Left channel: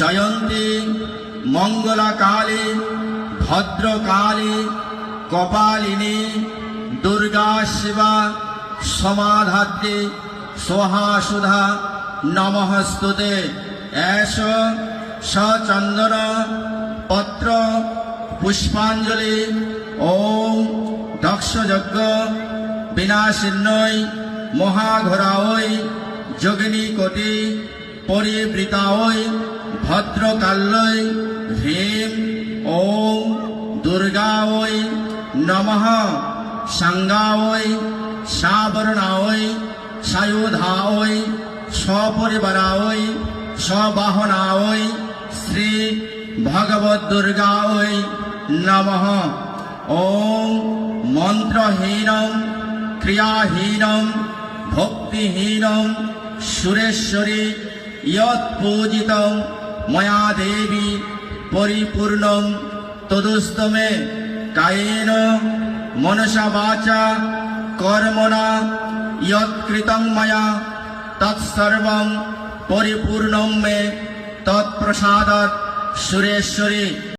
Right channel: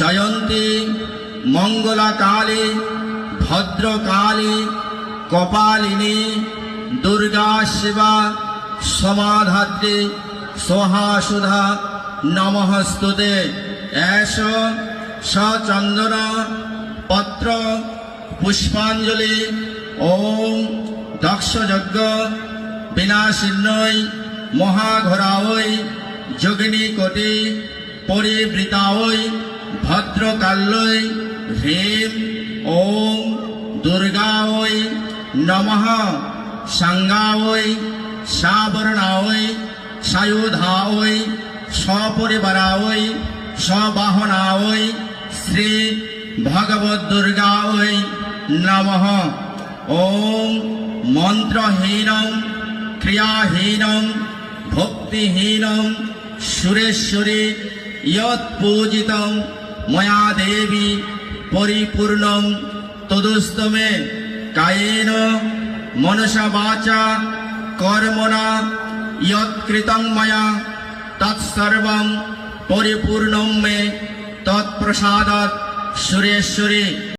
জয়ন্তী মঙ্গলাকালী ভদ্রকালী কপালিনী দুর্গা শিবা সমাধাত্রী সোহা সুধা নমঃস্তুতে। এষ সচন্দন পত্র পুষ্পাঞ্জলি ওম দক্ষযজ্ঞ বিনাশিন্নৈ মহাঘোরাঐ যোগিনী কোটি পরিবৃতাঐ ভদ্রকাল্যৈ হ্রীম ওম দুর্গাঐ নমঃ। সাঙ্গাঐ সাবর্ণাঐ সায়ুধাঐ সপরিবারাঐ সবাহনাঐ শ্রী ভগবদ দুর্গাঐ নমঃ। ওম মন্ত্রহীনম ক্রিয়াহীনম ভক্তিহীনম সুরেশ্বরী ইয়ৎপূজিতম ময়া দেবী পরিপূর্ণম তদুস্তু মে কায়েন মনসা বাচা কর্মণা ইয়ৎকৃতং ময়া তৎসর্বং পরিপূর্ণম মে তৎপ্রসাদাৎ সুরেশ্বরী।